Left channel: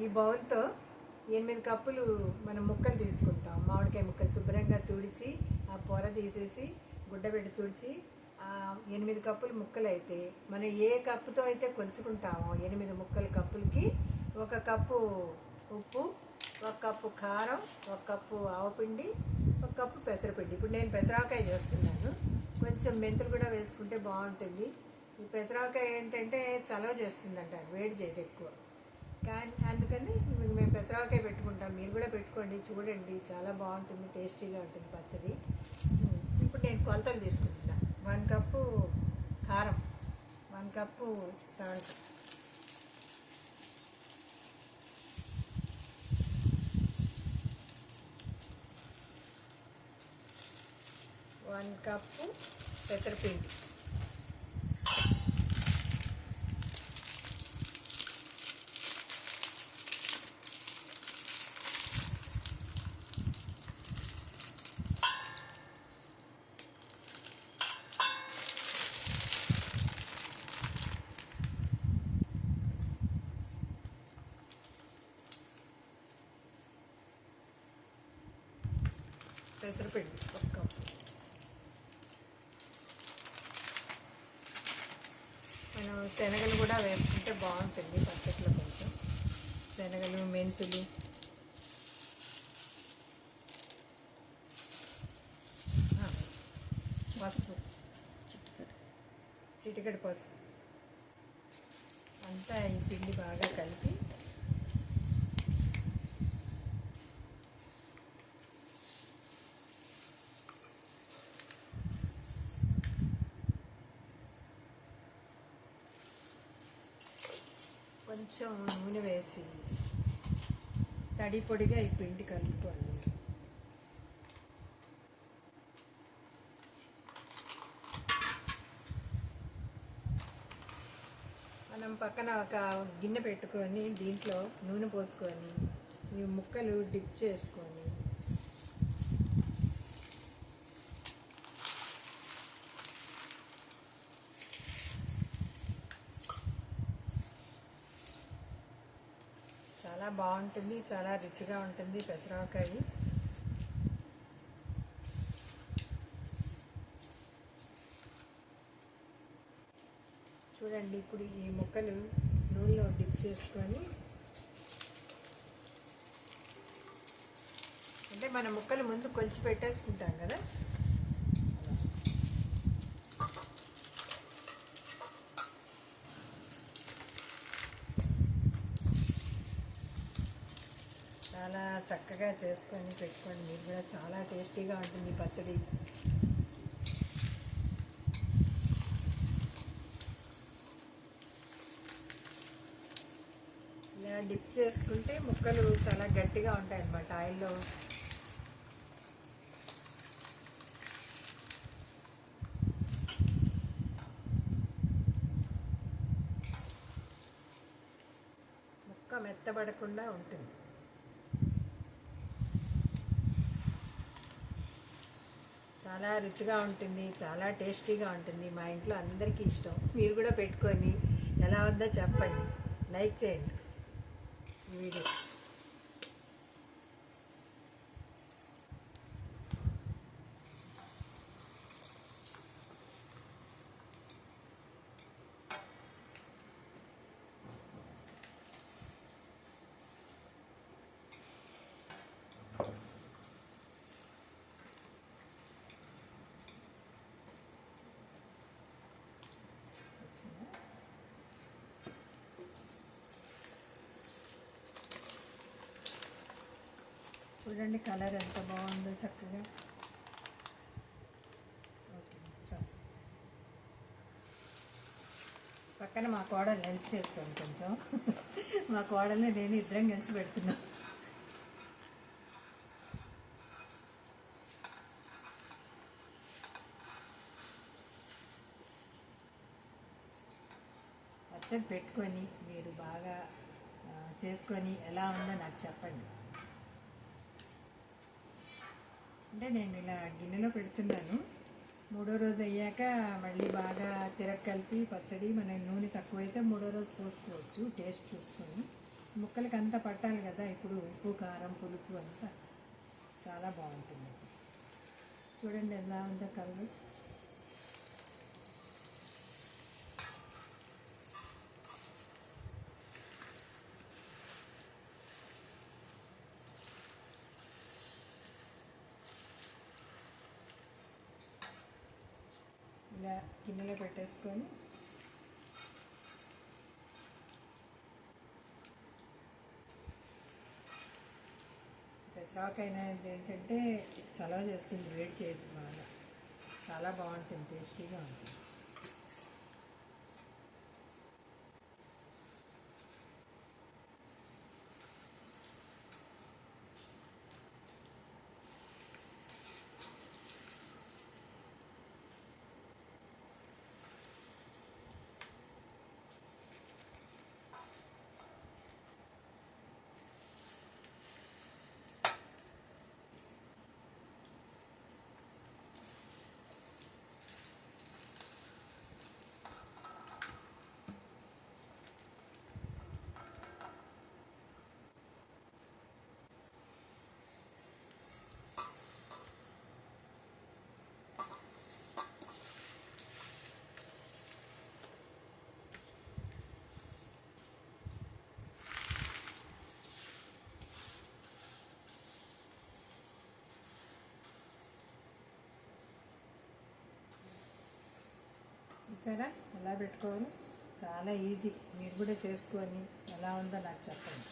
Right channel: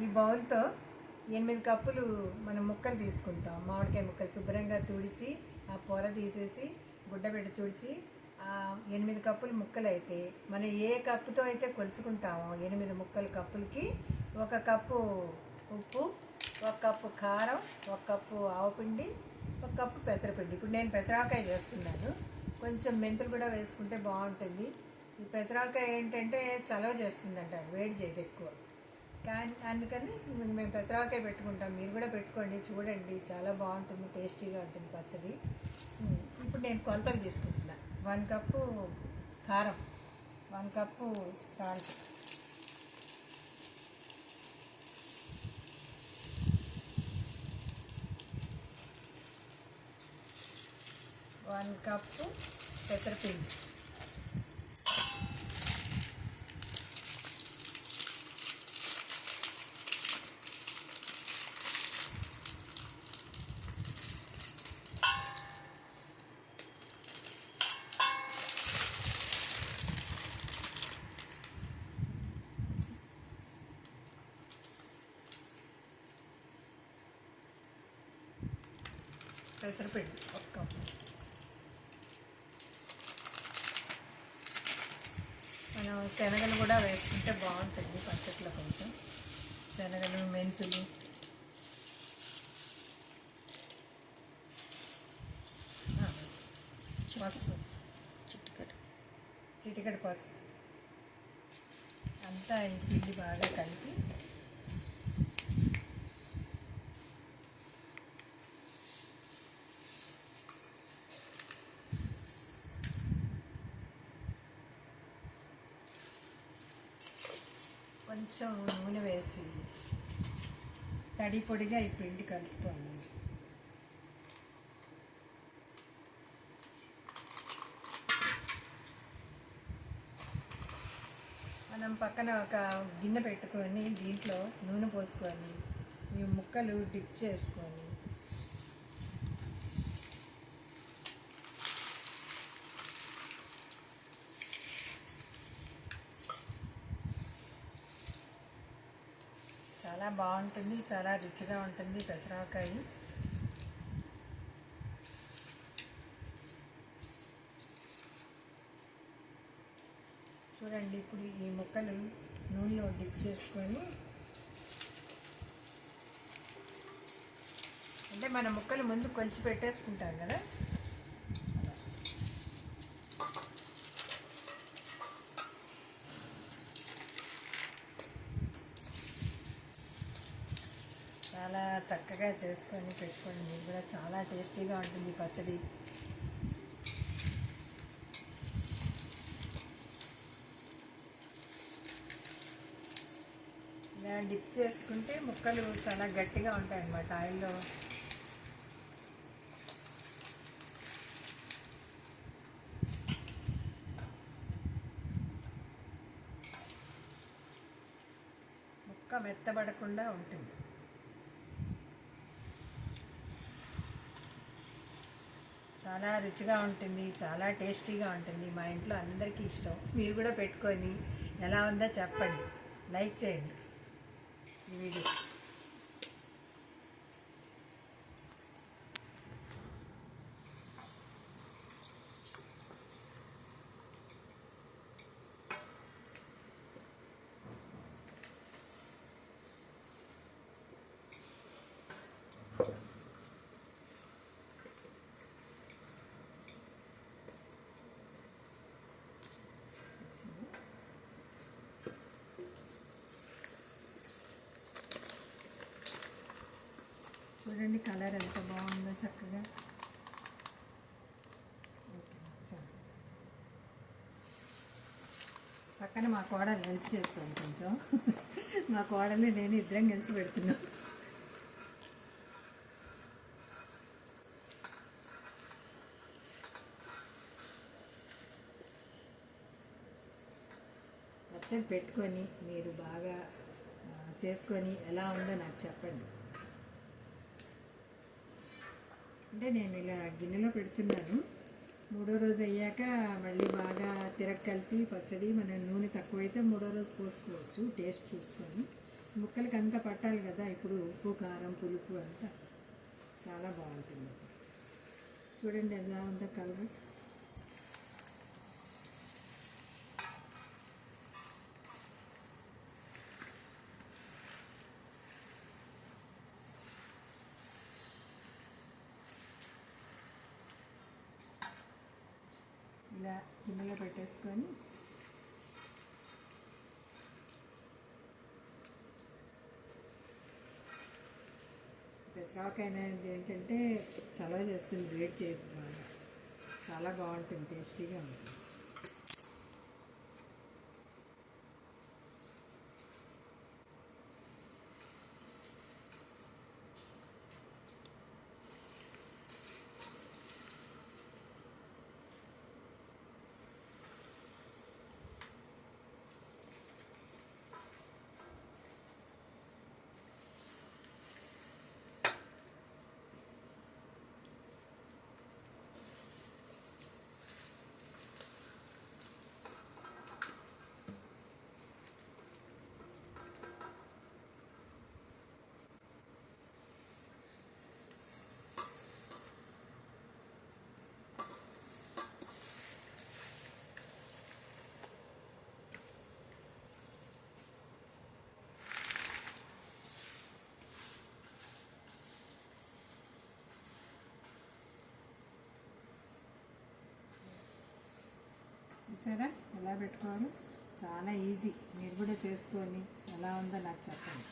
ఈ బౌల్తో 8 కప్పులు మనం ముక్కలు తీసుకుంటాం. మామిడికాయ ముక్కలు శుభ్రంగా తుడిచి ఆ పొర తీసేసి గుడ్డబెట్టి తుడిచి 8 కప్పులు ముక్కలు అయితే మనం ఏ కప్పుతో అయితే కొలుచుకుంటామో 8 కప్పులకి 1 కప్పు ఉప్పు, 1 కప్పు కారం, 1 కప్పు ఆవపిండి, 1 కప్పు పెసరపిండి. ఇప్పుడు నేను పెసరకాయ చేస్తున్నాను. కొంచెం మెంతులు కూడా వేసుకుంటే బాగుంటుంది. ఈ పెసరకాయ ఏంటంటే చలవ చేస్తుందంట, వేడి చేయదు ఎక్కువ. కానీ అందుకని మేము పెసరకాయ పెట్టుకుంటాం. మీరు కూడా పెట్టుకోండి, చూడండి, చాలా బాగుంటుంది, టేస్టీగా ఉంటుంది పచ్చడి. ఇప్పుడు నేను కొలతలు తీసుకుంటున్నా. 1 కప్పు కారం, 1 కప్పు సాల్ట్, 1 కప్పు పెసరపిండి, పెసరపిండి 1 కప్పు. మనం శనగలు కూడా వేసుకుంటే బాగుంటుంది పచ్చట్లో. కొంచెం శనగలు, మెంతులు, పసుపు, చిటికెడు పసుపు అంతా ఈ పిండి బాగా కలిపి కొంచెం నూనె వేసి తడి పొడిగా ఈ పిండి కలుపుకోండి. మనం పక్కన ఒక గిన్నె పెట్టుకొని దీంట్లో నూనె పోసుకొని ఈ ముక్కలు డిప్ చేసుకొని చాలా బాగుంటుంది, చాలా రుచిగా ఉంటుంది పెసరకాయ. చూడండి, ఇప్పుడు ఈ ముక్కలు నూనెలో డిప్ చేసుకొని, అంటే మన ముక్కలు ముందు కొలిచి పెట్టేసుకుంటాం కదా, చాలా చక్కగా చేసుకొని పెట్టుకోండి. మీరు కూడా చాలా టేస్టీగా ఉంటుంది పచ్చడి. ఇలా డిప్ చేసుకుంటే ముక్కలు చాలా గట్టిగా ఉంటాయి అన్నమాట ఆయిల్లో. ముక్క మెత్తబడకుండా ఉంటుంది. చాలా రుచిగా ఉంటుంది, చాలా టేస్టీగా ఉంటుంది. మా ఇంట్లో అందరికీ ఇష్టం. మీరు కూడా పెట్టుకొని ఎలా ఉందో చెప్పండి, లైక్ చేయండి ఈ వీడియో. చూడండి కలర్ ఎంత బాగుందో చక్కగా. ఓకే, పక్కన మా కోడలు హెల్ప్ చేసుకోండి కొంచెం. మా కోడల్ని నేను ఇద్దరం కలిసి పెడుతున్నాం. పచ్చడి పెట్టుకొని మీరు బాగా చేసుకొని ఎలా ఉందో నాకు చెప్పండి. అంటే నేను ఇలా గిన్నెలో పెడుతున్నాను. 3వ రోజు అయ్యాక మళ్ళీ బాగా కలిపి పచ్చడి, మన నూనె తక్కువైతే 3వ రోజు పోసుకోవచ్చు టేస్ట్ చూసుకొని. ముక్కలకి అంతా పట్టాలి కదా. ఇప్పుడు ఉప్పు కారం పులుపు అంతా చాలా బాగుంటుంది. చూడండి ఎలా ఉందో కలర్. ఇలా గిన్నెలో పెట్టేసుకొని పెసరాకు అనేది ఏంటంటే చలవ చేసుకుని వేడి చేయకుండా చాలా బాగుంటుంది, టేస్టీగా ఉంటుంది. చూసారా ఎలా పెట్టుకోవాలి, చాలా ఈజీ. మీరు కూడా చేసుకొని ఎలా ఉందో నాకు చెప్పండి.